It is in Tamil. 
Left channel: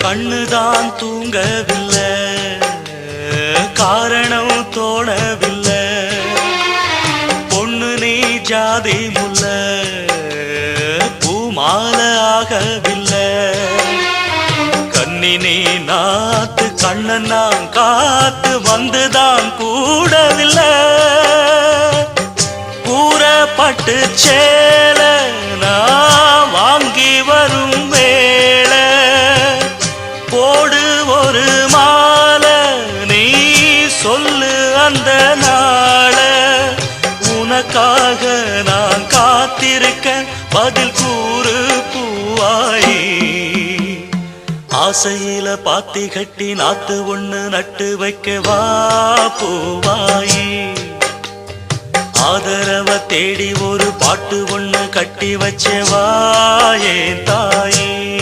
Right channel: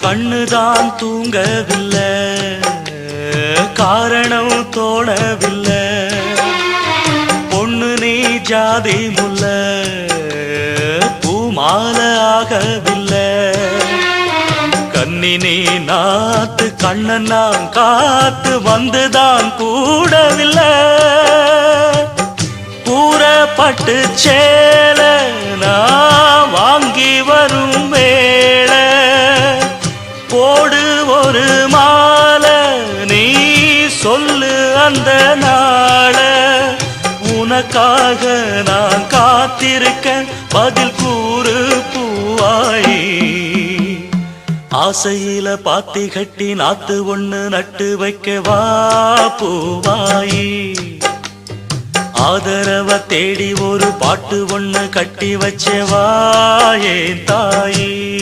கண்ணுதான் தூங்கவில்லை, காரணம் தோணவில்லை. பொண்ணு நீ ஜாதி முல்ல, பூமால ஆகவில்லை. கண்ணி நீ நாத்து, கண்ணன் நான் காத்து வந்துதான் கூடவில்லை. கூறப்பட்டு சேல நான் வாங்கி வரும் வேள, போடு ஒரு மாலை நீ சொல்லு அந்த நாள. உனக்காக நான் காத்திருக்க பதில் கூறு பூவாயி. ஆசையில பாத்தி கட்டி நாத்து ஒண்ணு நட்டு வைக்க வா பூவாயி. ஆதரவ தேடி ஒரு பாட்டு ஒண்ணு கட்டி வச்ச வா என் தாயே.